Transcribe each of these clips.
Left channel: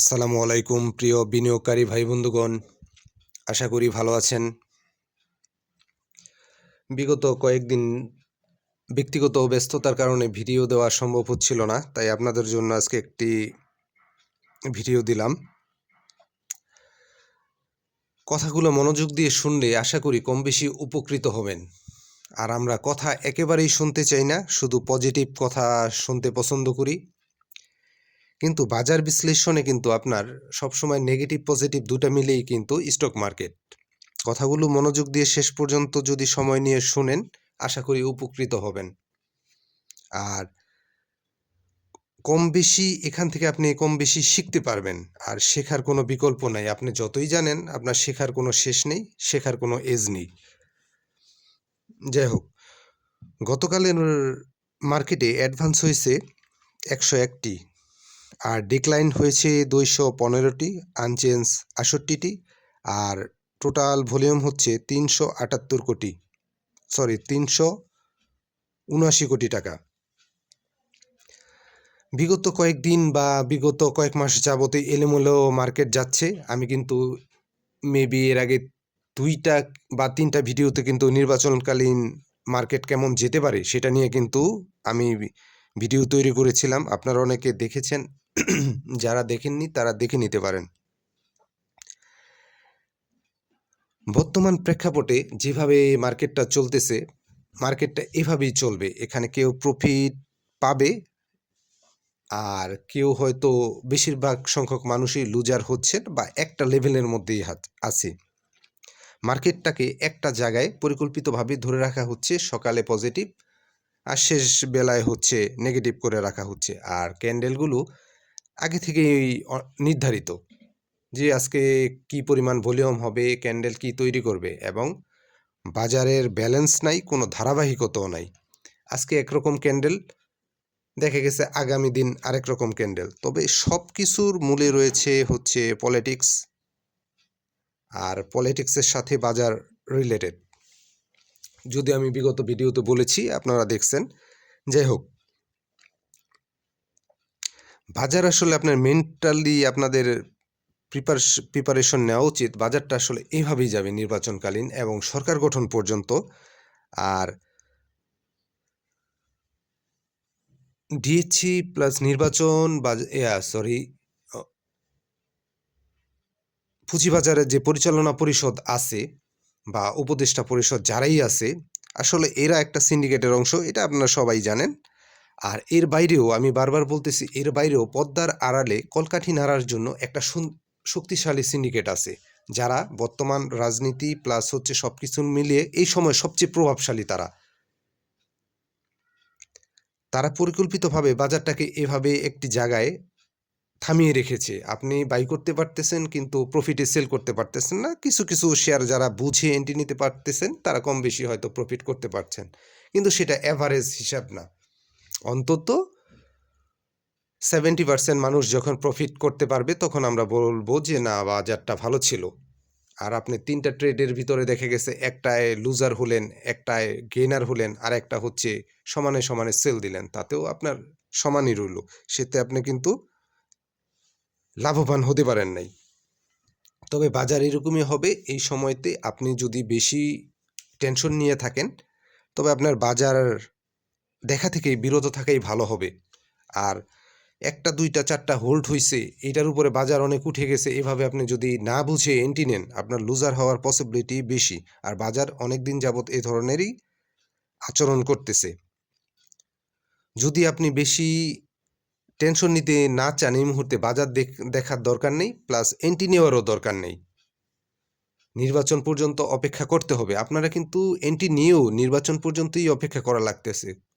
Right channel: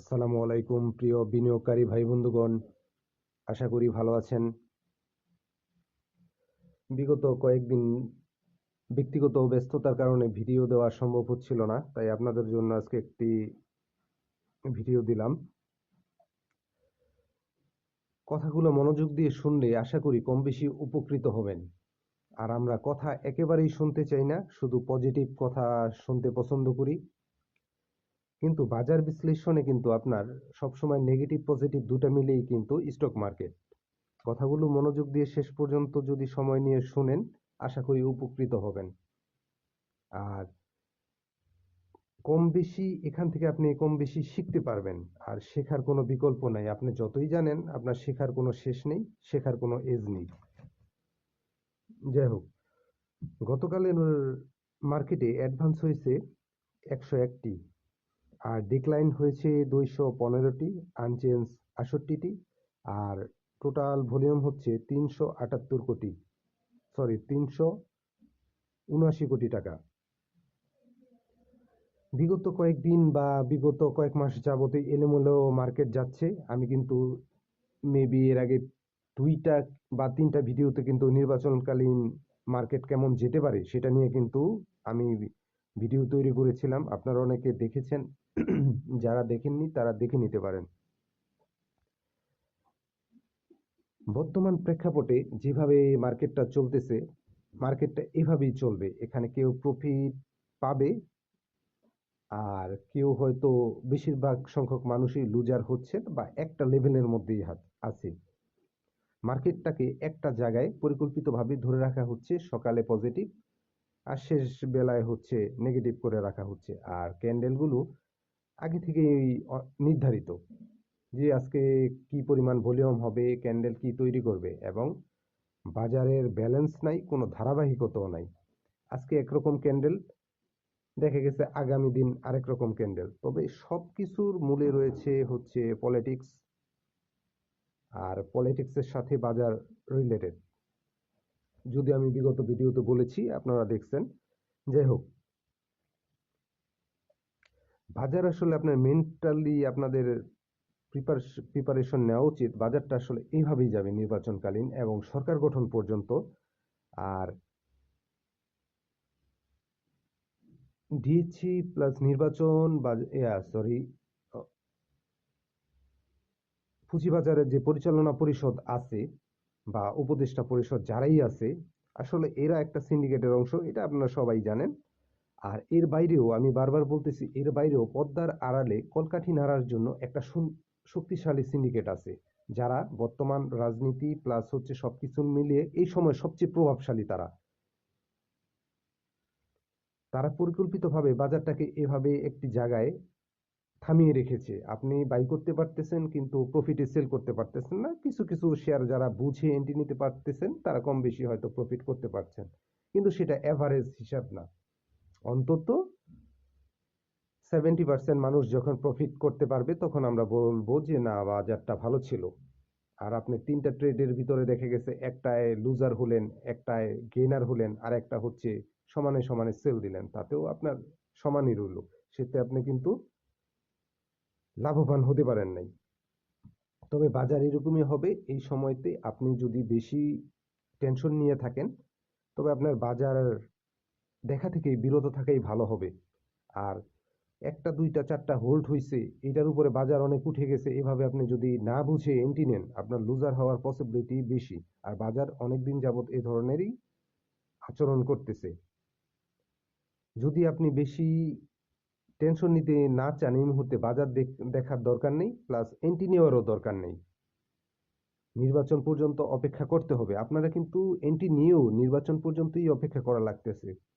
আসসালামু আলাইকুম, প্রিয় বিনিয়োগকারী ভাই বন্ধুগণ আশা করি ভালো আছেন। বিগত কয়েকদিন ব্যক্তিগত ব্যস্ততার কারণে ভিডিও দেওয়া সম্ভব হচ্ছিল না, তাই আপনাদের জন্য আজকে একটি ভিডিও দিলাম। কথাগুলো মনোযোগ দিয়ে শুনলে আশা করি কম বেশি উপকৃত হবেন। আর আমরা কথা একেবারেই শুনতে চাই না, শুধু পজিটিভ কথা শুনতে পছন্দ করি। কিন্তু বাজার বিশ্লেষণে কিন্তু আপনার সবসময় নেগেটিভ পজিটিভ দুটো মিলেই কিন্তু স্টক মার্কেট কথাগুলো মনোযোগ দিয়ে শেষ পর্যন্ত যদি সময় নিয়ে শুনেন, আশা করি উপকৃত হবেন। আর কম বেশি এখান থেকে আপনি কম বেশি শিখতে পারবেন, আর শেখার কোনো বিকল্প নাই। আপনি যতই জানেন, আপনার শেখার কোনো শেষ নেই, শেখার কোনো এজ নেই। যাই হোক গতকালের মার্কেটে অ্যাডভান্স হয়েছে একশো একটি। আর ডিক্লাইন হয়েছে দুইশো পনেরোটি আনচেঞ্জ আষট্টিটি আর টোটাল ভলিউম হচ্ছে তিনশো আটাত্তর কোটি সরি তিনশো উনআশি কোটি টাকা। বিগত কয়েকদিন বা বিগত কয়েক মাস যাবতে এলোমেলো মার্কেট যাচ্ছে। আমি কিন্তু মেবি এর আগে দুইটা বা তিনটা ভিডিওতে কিন্তু নির্বাচনকালীন মার্কেট কেমন যেতে পারে সেটা নিয়ে কিন্তু আমি ভিডিও তৈরি করেছিলাম। আপনারা অনেকে দেখেছেন যারা দেখেননি, তারা দেখে নিতে পারেন। বর্তমান প্রেক্ষাপটে যেভাবে মার্কেটটা চলতেছে, মার্কেটটা এভাবেই চলবে। এখানে কেউ প্রফিট পাবে, আর কেউ হয়তো বেশিরভাগ সংখ্যক মানুষই লুজার হচ্ছেন বা একটা লেভেলের মধ্যেই হাত- আছে। মার্কেটটাকে একটা জায়গায় পরিকল্পিতভাবে ধরে রাখা হচ্ছে, সকালে পজিটিভ আর শেষ বেলায় হচ্ছে নেগেটিভ করে রাখা হচ্ছে। আর ক্যান্ডেলগুলো আগে থেকেই নির্ধারিত যে আজকে কি পরিমাণ ভলিউম হবে, ক্যান্ডেল কি তৈরি করবে এবং বাজারের ব্যালেন্স নাই, কোনো ধারাবাহিকতাও নাই। আজকে একরকম ক্যান্ডেল, দেখা গেছে আগামী দিন আরেক রকম ক্যান্ডেল। তবে সব কিছুর মূলে রয়েছে হচ্ছে পলিটিক্স আর পলিটিক্সের সাথে বাজার রিলেটেড যদি আমি বিগত ভিডিওতে বলেছি, আপনারা দেখছেন। যাই হোক বাজার আসলে আপনার মেন্টালি আপনাদের প্রিপারেশ প্রিপারেশন নেওয়া উচিত। বাজারটা আসলে এইভাবেই যাবে নির্বাচনকালীন এবং সরকার গঠন পর্যন্ত। আর ডিএসসি প্লাস নির্বাচন বা সরি পুঁজিবাজারের যে পরিচালনা পরিষদ আছে বা উপদেষ্টা পরিষদ যারাই আছে, আসলে এরা একটা সিন্ডিকেটের অংশ, এটা আপনারা সবাই জানেন। আর এর বাইরেও আমি বারবার বলতেছি, এর বাইরেও পদ্মার আড়ালে কলকাঠি নাড়ার জন্য একটা শক্তিশালী সিন্ডিকেট আছে, যারা বর্তমান রাজনীতি প্লাস হচ্ছে সব কিছু মিলিয়ে এই সময় সবচেয়ে প্রভাবশালী তারা। তারা পরিকল্পিতভাবে বাজারটাকে এভাবে একটি জায়গায় থামিয়ে রেখেছে। আপনি বাই করতে পারতেছেন কিন্তু প্রফিটে সেল করতে পারতেছেন না। কিছু কিছু শেয়ার যারা বুঝে এন্ট্রি নিতে পারতেছেন, তারা কম বেশি হয়তো প্রফিট করতে পারছেন। কিন্তু সেটা অ্যাভারেজ হিসাব না। অন্তত সেভেন্টি পার্সেন্ট মানুষ যখন প্রফিট করতে পারবে, তখন আমরা বলব যে, না, বাজারটা ভালো ছিল। আর আপনি তিনটা ট্রেডের ভিতরে দেখে গেছে, একটায় লুজার হলেন, একটায় গেনার হলেন, আর একটা হচ্ছে সমানে সমানে সেল দিলেন। তাতেও আপনার সমানই রইল। সেতে আপনি কিন্তু লাভবান হতে পারেন নাই। তবে বাজার এরকমই হবে, এই সময়তে আপনি যদি বেশি টেনশন নিয়ে থাকেন, তবে আপনার বাজার দেখা থেকেই বিরত থাকাই ভালো হবে। আর একটা, দুইটা, চারটা হোল্ড হয়েছে এটার উপরে বাজার অনেক উঠে গেছে, এভাবে আপনি যদি না বুঝে এন্টি নেন, আপনার লুজার হওয়ার পসিবিলিটি বেশি। আর বাজার অনেক দিন যাবত এই ধরনেরই আচরণ করতেছে। যদি আপনি বেশি টেনশন নিতে না চান, এই মুহূর্তে বাজার দেখার দরকার নেই প্লাস এন্টি নেওয়ারও দরকার নেই। নির্বাচন পর্যন্ত অপেক্ষা করতে হবে। আপনারা কিন্তু এন্টি নিয়েও নির্বাচন পর্যন্তই অপেক্ষা করা লাগতেছে।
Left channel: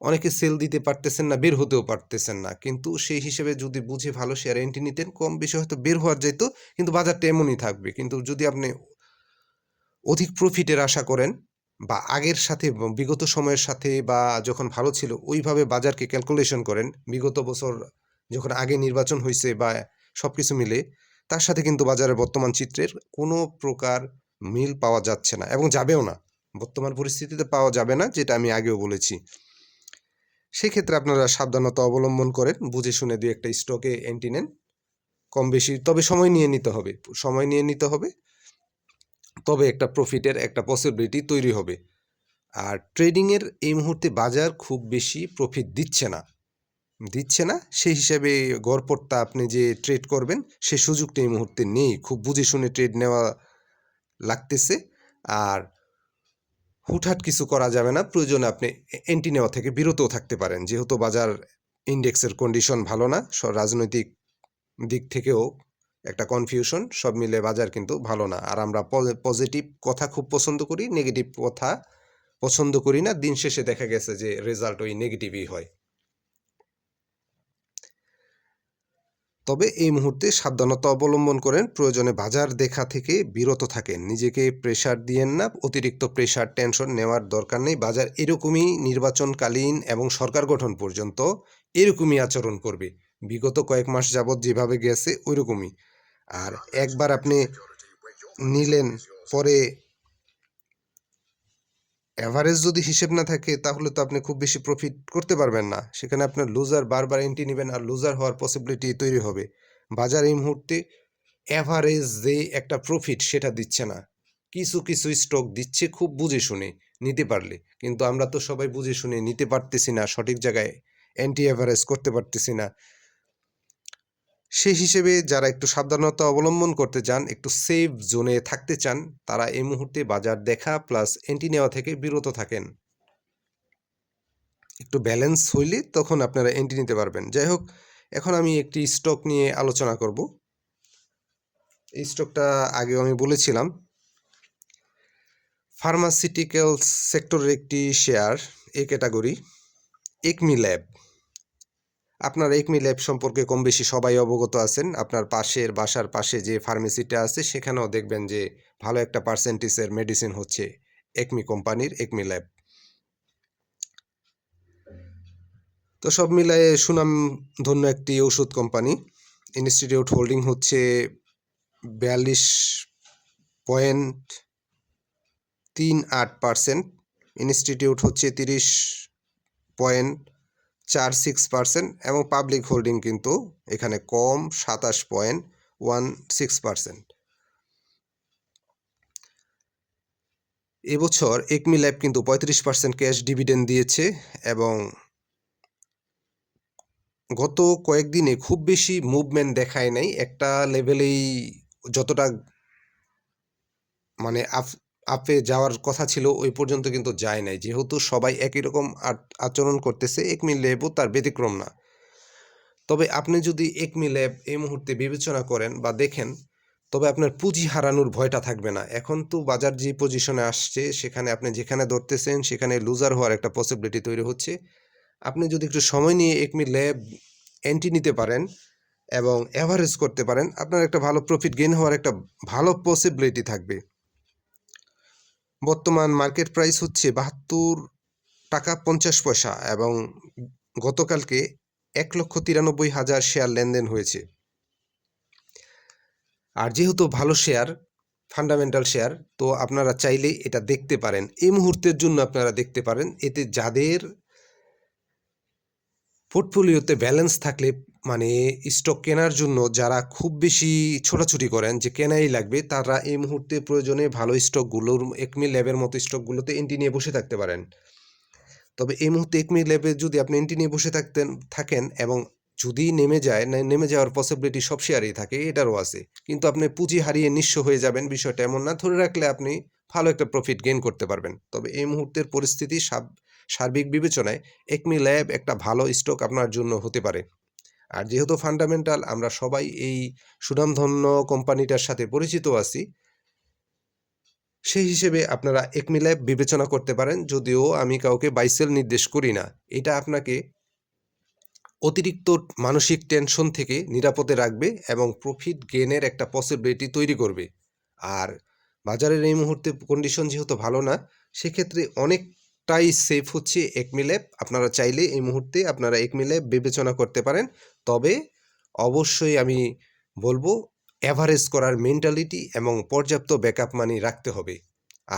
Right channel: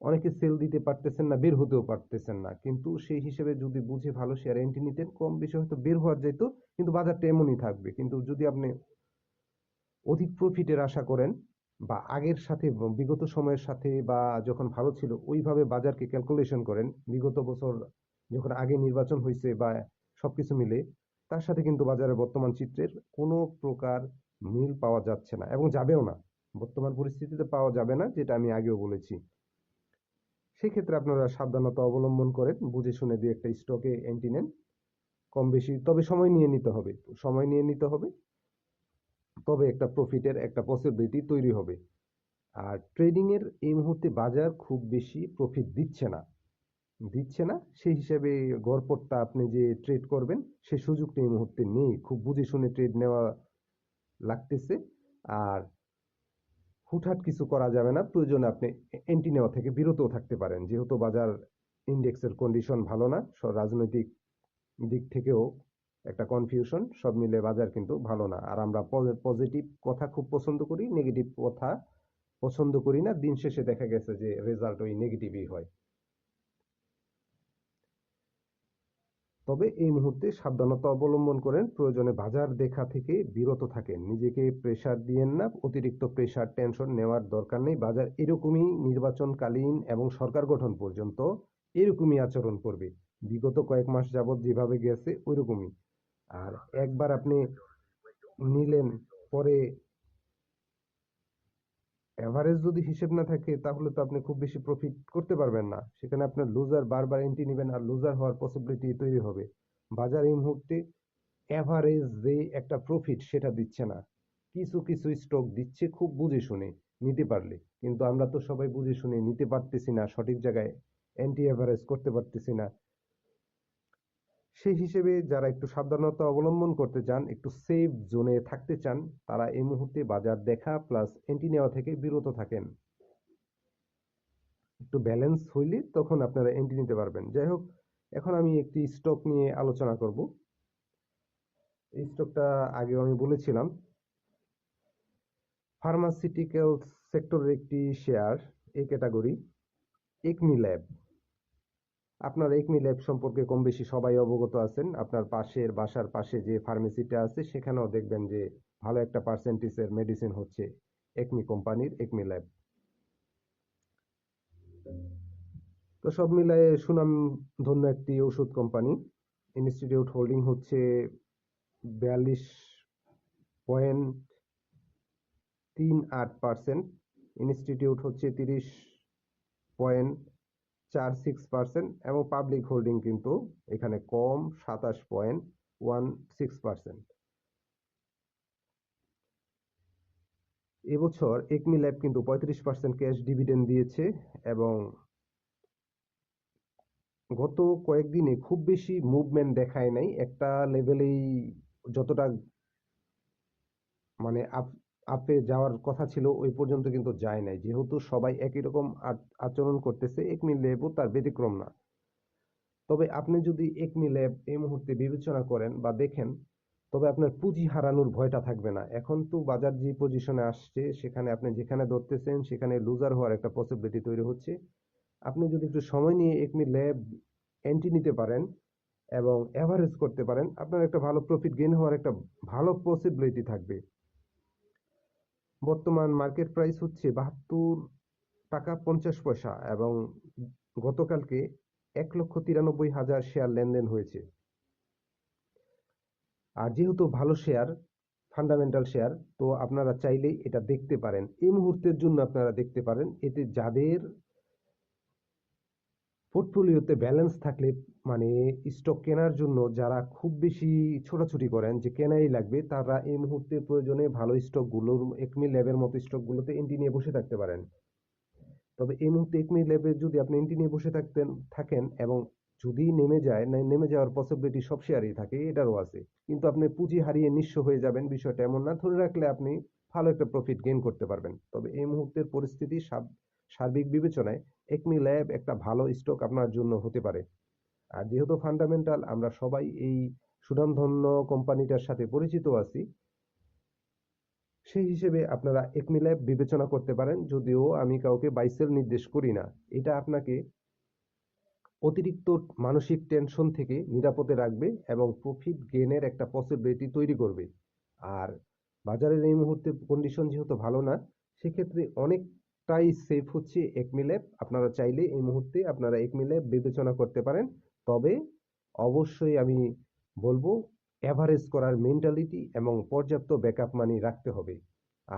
অনেকে সেল দিতে পারতেছেন না, বের হতেও পারতেছেন না। কিন্তু সেই হিসেবে যদি বুঝে ভালো শেয়ার এন্টি নিতেন, কম বেশি হয়তো বের হওয়ার যেত, কিন্তু বাজারটা এমনই থাকবে। কিন্তু যদি আপনি অধিক প্রফিটের আশা করেন, বা আগের সাথে, বিগত সময়ের সাথে, বা যখন ভালো ছিল, ওইভাবে বাজারকে ক্যালকুলেশন করেন, বিগত বছর যখন আগে নির্বাচন হয়েছে বা সব কিছু মিলে, তার সাথে কিন্তু বাজারের বর্তমান চিত্রের কোনো প্রকার মিল পাওয়া যাচ্ছে না, এবং যাবেও না। বর্তমান পরিস্থিতিতে পাওয়া যাবে না, যেটা আমি আগেও বলেছি। সেক্ষেত্রে আপনারা সাবধানতা অবলম্বন করেন, বুঝে শুনে দুই একটা স্টকে এন্ট্রি নেন। কম বেশি, তবে সময় নিয়ে নিতে হবে, সময় নিয়ে নিতে হবে। তবে একটা প্রফিটের একটা পসিবিলিটি তৈরি হবে। আর ট্রেডিংয়ের এই মুহূর্তে বাজার খুব বেশি প্রফিট দিচ্ছে না। দিচ্ছে না, সেই হিসাবে গড়পড়তা আপনি যে ট্রেড করবেন, সে সুযোগটা এই মুহূর্তে নেই। খুব বুঝে শুনে ট্রেড নেওয়া লাগতেছে। আর হুটহাট কিছু করা যাবে না। প্রয়োজনে আপনি এন্টি নেওয়া থেকে বিরতও থাকতে পারেন। যেহেতু বাজার ইন্ডেক্সের কন্ডিশন ভালো না রাজনৈতিক দিক থেকেও একটা কনফিউশন সব মিলে বাজার কিন্তু ভালো না। আর আমরা পজিটিভ কথা খুব পছন্দ করি নেগেটিভ কথা পছন্দ করি না। দিন শেষে দেখা গেছে যে রেজাল্ট ওই নেগেটিভই হয়। তবে এই মুহূর্তে সাবধানতা অবলম্বন করেন। প্রয়োজনে বাজার দেখা থেকে বিরত থাকেন। নিজেকে প্রেশার দিয়েন না। অতিরিক্ত প্রেশার টেনশন নেওয়ার দরকার নেই। বাজার এরকমই নির্বাচনকালীন এবং সরকার গঠন পর্যন্ত এরকমই আচরণ করবে। বিগত কয়েক মাস যাবৎ যেভাবে গেছে, ওইরকমই। আর একবার আপনি নিলেন, পরে অ্যাভারেজ যদি হিসেব না থাকে, তাহলে তো আপনি খুব বেশি প্রফিট করতে পারবেন না। সেখানে আপনার লুজার বারবার এন্ট্রি নেবেন আর লুজার হওয়ার পসিবিলিটি তৈরি হবে। বাজার এই মুহূর্তে অ্যাভারেজ যে একটা প্রফিট সেটা দিচ্ছে না। কিছু কিছু স্টক দিচ্ছে খুব বুঝে শুনে নিতে পারলে। কিন্তু আমরা তো সবাই বুঝে শুনে নিতে পারতেছি না, সঠিক জায়গায় অ্যান্টি অ্যাভারেজ করতে পারতেছি না। সেই হিসেবে যারা একটু সাবধানতা অবলম্বন করতে চান, একটু সেফ জোনে থাকতে চান, তারা এই মুহূর্তে বাজার দেখা প্লাস এন্টি নেওয়া থেকে বিরত থাকেন। একটু ব্যালেন্স হইলে তখন আপনারা এন্ট্রি নিতে পারবেন। যাই হোক, এখন আমি একটি স্টক নিয়ে আলোচনা করব। এই স্টকটা আগেও আমি বলেছিলাম। ফার্মাসিউটিক্যাল সেক্টরের একটি শেয়ার এই ক্যাটাগরি একমি ল্যাব আপনার একমি ল্যাব সম্পর্কে কম বেশি সবাই অবগত আছেন। আপনার পাশের বাসার পাশে যে ফার্মেসিটা আছে, সেখানেও দেখবেন যে ভালো একটা পার্সেন্টেজের মেডিসিন হচ্ছে একমি কোম্পানির একমি ল্যাব তো সব মিলায়ে সুনাম ধন্য একটি ওষুধ কোম্পানি। ইনস্টিটিউট হোল্ডিং হচ্ছে বিয়াল্লিশ পয়েন্ট তিন আট পার্সেন্ট ইনস্টিটিউট হচ্ছে তিরিশ পয়েন্ট চার সিক্স পার্সেন্ট এবং পাবলিক হোল্ডিং কিন্তু এখানে কম, সাতাশ পয়েন্ট ওয়ান সিক্স পার্সেন্ট। এবছর একমি ল্যাব কিন্তু পঁয়ত্রিশ পার্সেন্ট ক্যাশ ডিভিডেন্ড দিয়েছে এবং গত কয়েকদিনে খুব বেশি মুভমেন্ট দেখায় নাই। একটা লেভেলেই যতটা মানে আপ আপে যাওয়ার কথা ছিল, ওই পর্যন্ত কিন্তু যায় নাই। যেহেতু সবাই একই রকম আচরণ করতেছে একমি ল্যাবও তার ব্যতিক্রম না। তবে আপনি যদি একমি ল্যাব এই মুহূর্তে বিবেচনা করেন বা দেখেন, তবে আপনার পুঁজি হারানোর ভয়টা থাকবে না। এখন তো বাজার যে পজিশনে আসছে, সেখানে আপনি যেখানে ধরতেছেন, সেখানে লুজার হওয়ার একটা পসিবিলিটি তৈরি হচ্ছে। আপনি যদি একটু সময় নিয়ে একমি ল্যাব এন্ট্রি নিতে পারেন এবং অ্যাভারেজ করতে পারেন, আপনার একটা ভালো প্রফিট গেইন হওয়ার একটা ভালো পসিবিলিটি থাকবে। বর্তমান মার্কেট প্রাইস হচ্ছে বাহাত্তর টাকা পঞ্চাশ পয়সা এবং গতকালকে এক লক্ষ তিরানব্বই হাজার শেয়ার লেনদেন হয়েছে। আর যেহেতু ভালো শেয়ার ফান্ডামেন্টাল শেয়ার তো আপনারা চাইলে এটা দেখতে পারেন। এই মুহূর্তের জন্য আপনারা দেখতে পারেন, এতে যাদের পোর্টফোলিওতে ব্যালেন্স থাকলে মানে স্টক কেনার জন্য যারা খুব বেশি ছোটাছুটি করেন যে কেনাই লাগবে, তারা এই মুহূর্তে প্রয়োজনে ভালো স্টকগুলোর একমি ল্যাবের মতো স্টকগুলোতে এন্টি নিয়ে বসে থাকতে পারেন। তবে এই মুহূর্তে একমি ল্যাবে যদি আপনি এন্টি নিয়ে বসে থাকতেন, থাকেন এবং যদি নেমে যায়, না, নেমে যাওয়ার পসিবিলিটি সব শেয়ারেই থাকে, এটারও আছে। কিন্তু আপনি পুঁজি হারিয়ে নিঃস্ব হয়ে যাবেন, বিষয়টা এমন না। ধরে রাখলে আপনি ভালো একটা প্রফিট গেইন করতে পারবেন। তবে এই মুহূর্তের পরিস্থিতি সার্বিক বিবেচনায় একমি ল্যাব একটা ভালো স্টক আপনার জন্য হতে পারে। আর যেহেতু ফান্ডামেন্টাল আমরা সবাই এই সুনামধন্য কোম্পানিটার সাথে পরিচিত আছি, সেই হিসেবে আপনারা একমি ল্যাব বিবেচনা করতে পারেন, যদিও আমি কাউকে বাইসেল নির্দেশ করি না। এটা আপনাকে অতিরিক্ত মানসিক টেনশন থেকে নিরাপদে রাখবে এবং প্রফিট গেনের একটা পসিবিলিটি তৈরি করবে। আর বাজারের এই মুহূর্তে কন্ডিশন যেহেতু ভালো না, সেক্ষেত্রে অনেকটাই সেফ হচ্ছে একমিল্যাব আপনারা চাইলে এই মুহূর্তে আপনারা একমিল্যাব বিবেচনা করতে পারেন। তবে অবশ্যই আমি বলব অ্যাভারেজ করার মেন্টালিটি এবং পর্যাপ্ত ব্যাকআপ মানি রাখতে হবে।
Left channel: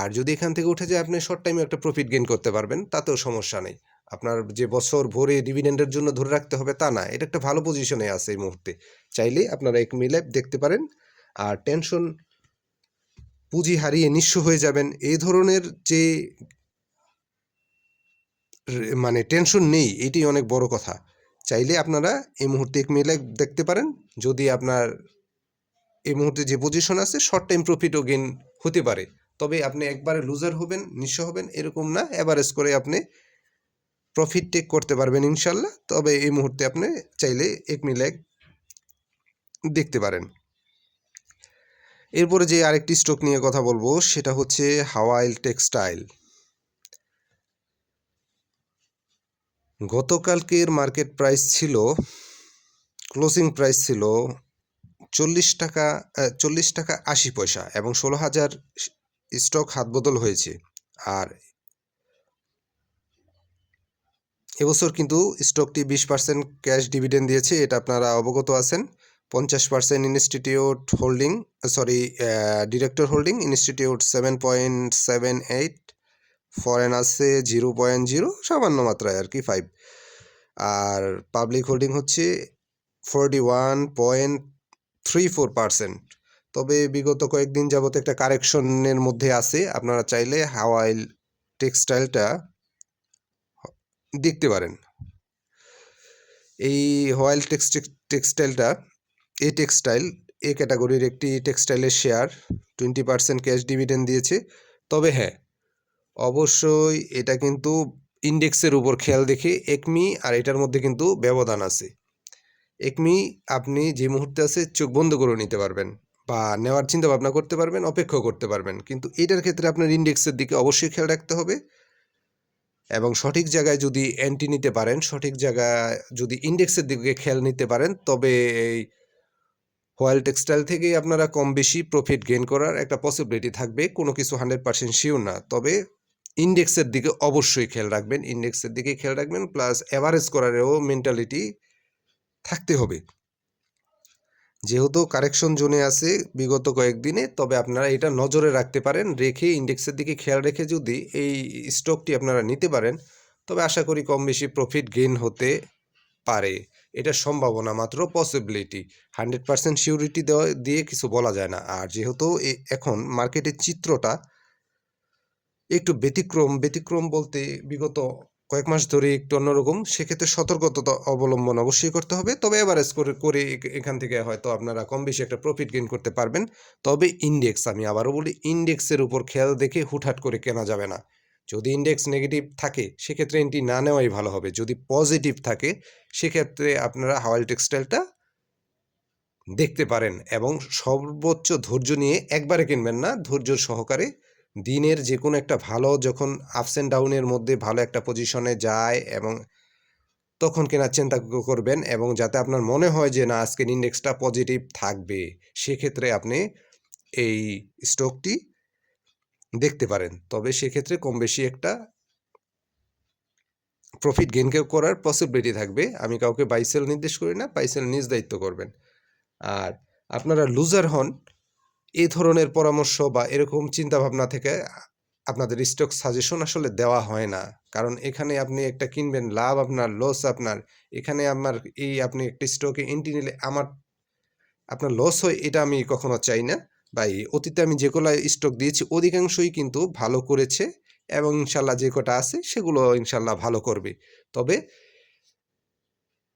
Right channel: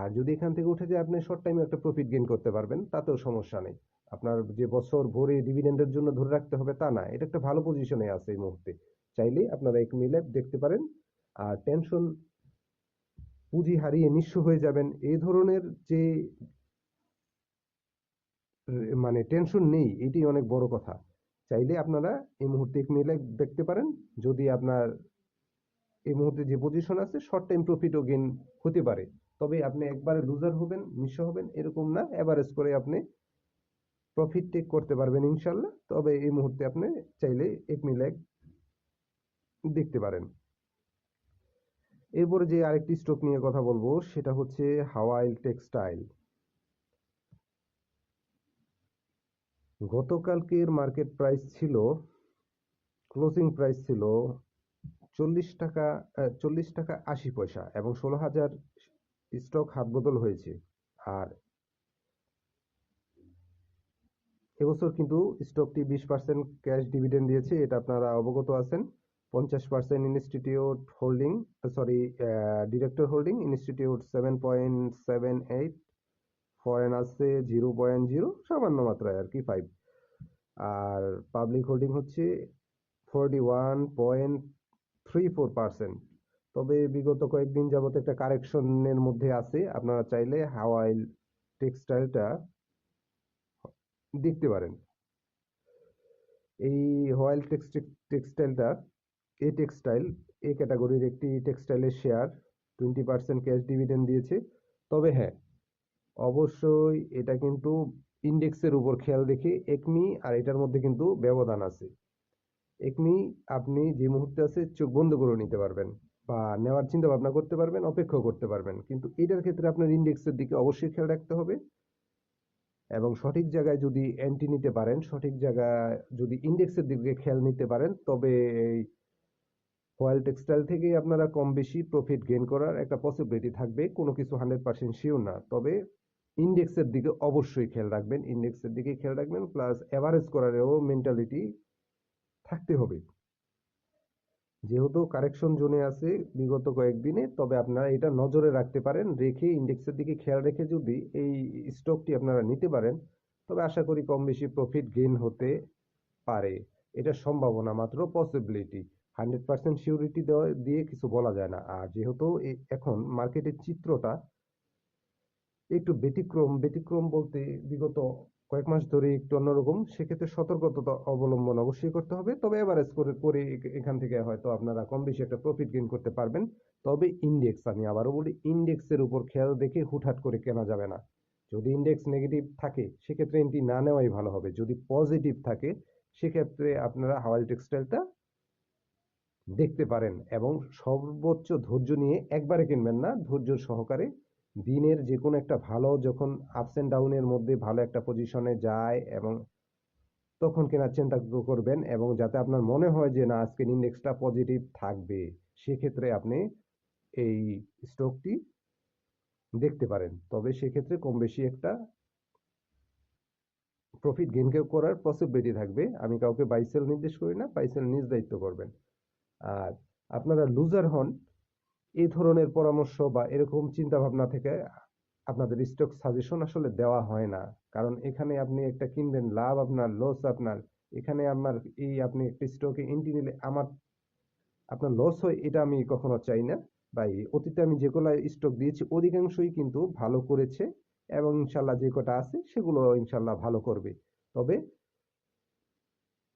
আর যদি এখান থেকে উঠে যায় আপনি শর্ট টাইমে একটা প্রফিট গেইন করতে পারবেন, তাতেও সমস্যা নেই। আপনার যে বছর ভরে ডিভিডেন্ডের জন্য ধরে রাখতে হবে তা না, এটা একটা ভালো পজিশনে আছে এই মুহূর্তে। চাইলে আপনারা এক মিলে দেখতে পারেন, আর টেনশন পুঁজি হারিয়ে নিঃস্ব হয়ে যাবেন এই ধরনের যে মানে টেনশন নেই এটি অনেক বড় কথা। চাইলে আপনারা এই মুহূর্তে এক মিলে দেখতে পারেন। যদি আপনার এই মুহূর্তে যে পজিশন আছে শর্ট টাইম প্রফিটও গেন হতে পারে। তবে আপনি একবারে লুজার হবেন, নিঃস্ব হবেন, এরকম না। অ্যাভারেজ করে আপনি প্রফিট টেক করতে পারবেন ইনশাল্লাহ। তবে এই মুহূর্তে আপনি চাইলে এক মিলে দেখতে পারেন। এরপরে যে আরেকটি স্টক নিয়ে কথা বলব, সেটা হচ্ছে হাওয়াইল টেক্সটাইল। গতকালকের মার্কেট প্রাইস ছিল, ক্লোজিং প্রাইস ছিল চল্লিশ টাকা চল্লিশ টাকা আশি পয়সা এবং ষোলো হাজার স্টক হাতবদল হয়েছে। আর এবছর কিন্তু স্টকটি বিশ পার্সেন্ট ক্যাশ ডিভিডেন্ড দিয়েছে, এটা আপনারা অবগত আছেন। পঞ্চাশ percent institute holding sorry director holding, institute seven point seven eight foreign আছে জিরো পয়েন্ট জিরো সামান্য মাত্রায় আর কি ফাইভ আর পাবলিক হোল্ডিং হচ্ছে forty one point three four percent তবে বিগত কয়েকদিন যাবত একটা কারেকশনের মধ্যে আছে। আপনারা চাইলে হাওয়াইল টেক্সটাইলটা দেখতে পারেন। এই হোয়াইল টেক্সটাইলটা, এ টেক্সটাইল, এ ক্যাটাগরির একটি টেক্সটাইলের share twenty percent cash dividend দিয়েছে। তবে হ্যাঁ অবশ্যই এটা কিন্তু ইন্ডেক্সের উপর খেয়াল দেখে একমি আর এটার মধ্যে কিন্তু ব্যবধান আছে। একমি আপনি যে মুহূর্তে আছে চোখ বন্ধ করে নিতে পারবেন বা নেওয়ার চিন্তা ভাবনা করতে পারবেন, অপেক্ষা করতে পারবেন। কিন্তু এটার ক্ষেত্রে আপনার ইন্ডেক্সের দিকে অবশ্যই খেয়াল রাখতে হবে এবং সঠিক জায়গায় যদি এন্ট্রি নিতে পারেন, সঠিক জায়গায় যদি ইন্ডেক্সের দিকে খেয়াল নিতে পারেন, তবে এই হোয়াইল টেক্সটাইল থেকেই আপনারা কম বেশি প্রফিট গেইন করার একটা পসিবিলিটি থাকবে। কোনো কিছু হান্ড্রেড পার্সেন্ট শিওর না। তবে ইন্ডেক্সের দিকে অবশ্যই খেয়াল রাখবেন, ইন্ডেক্সের দিকে খেয়াল রাখবেন প্লাস অ্যাভারেজ করারও মেন্টালিটি থাকতে হবে। যেহেতু কারেকশন জোনে আছে বিগত কয়েকদিনে তবে আপনারা এটা নজরে রাখতে পারেন, রেখে ইন্ডেক্সের দিকে খেয়াল রেখে যদি এই স্টকটি আপনারা নিতে পারেন, তবে আশা করি কম বেশি প্রফিট গেইন হতে পারে। এটা সম্ভাবনা মাত্র পসিবিলিটি হান্ড্রেড পার্সেন্ট সিউরিটি দেওয়া, দিয়ে কিছু বলা যায় না। আর যেহেতু এখন মার্কেটের চিত্রটা একটু ব্যতিক্রম ব্যতিক্রম বলতে বিগত কয়েক মাস ধরে একটু অন্যরকম, সেক্ষেত্রে সতর্কতা অবলম্বন অবশ্যই করতে হবে। তবে এভারেজ করে করে এখান থেকে হয়তো আপনারা কম বেশি একটা প্রফিট গেইন করতে পারবেন। তবে ইন্ডেক্স আমি আবারও বলি ইন্ডেক্সের উপর খেয়াল দেখে হুটহাট করে কেনা যাবে না। যদি ইন্ডেক্স নেগেটিভ থাকে, সেক্ষেত্রে এন্ট্রি না নেওয়াই ভালো হবে। যদি পজিটিভ থাকে, সেক্ষেত্রে আপনারা হাওয়াল টেক্সটাইলটা দেখতে পারেন এবং সর্বোচ্চ ধৈর্য নিয়ে একবারে কিনবেন না। ধৈর্য সহকারে দিনের যে কোনো একটা ভালো যখন আপস অ্যান্ড ডাউনের মধ্যে ভালো একটা পজিশনে যায় এবং তখন কেনার চিন্তা করবেন এবং যাতে আপনার মনে হয় যে না, আজকের ইন্ডেক্সটা পজিটিভ থাকবে, সেক্ষেত্রে আপনি এই স্টকটি দেখতে পারেন। তবে সেক্ষেত্রে কম বেশি একটা প্রফিট গেইন করার পসিবিলিটি থাকবে। আমি কাউকে বাইসেল নির্দেশ করি না বাইসেল নিজ দায়িত্ব করবেন। আর আপনারা লুজার হন এই ধরনের পরামর্শ বা এরকম চিন্তা ভাবনা থেকে আপনাদের স্টক সাজেশন আসলে দেওয়া হয় না। কারণ এখানে আপনি একটা কিনবেন, লাভ আপনার লস আপনার। এখানে আমার এই আপনি একটা স্টকে এন্ট্রি নিলে আমার, আপনার লস হয়, এটা আমি কখনো চাই না। বা এই অতীতে আমি যে যেগুলো স্টক দিয়েছি, অধিকাংশই কিন্তু ভালো করেছে এবং ইনশাল্লাহ যে কটা আছে, সেগুলো ইনশাল্লাহ ভালো করবে। তবে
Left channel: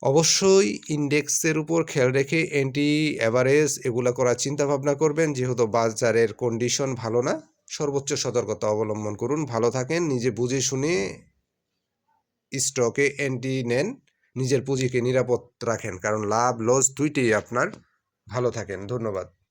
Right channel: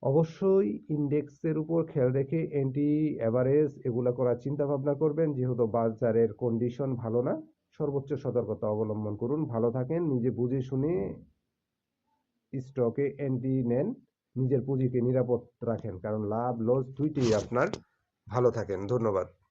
অবশ্যই ইন্ডেক্সের উপর খেয়াল রেখে এন্টি অ্যাভারেজ এগুলো করার চিন্তা ভাবনা করবেন। যেহেতু বাজারের কন্ডিশন ভালো না, সর্বোচ্চ সতর্কতা অবলম্বন করুন। ভালো থাকেন, নিজে বুঝে শুনে স্টকে এন্টি নেন, নিজের পুঁজিকে নিরাপদ রাখেন। কারণ লাভ লস দুইটাই আপনার। ভালো থাকেন, ধন্যবাদ।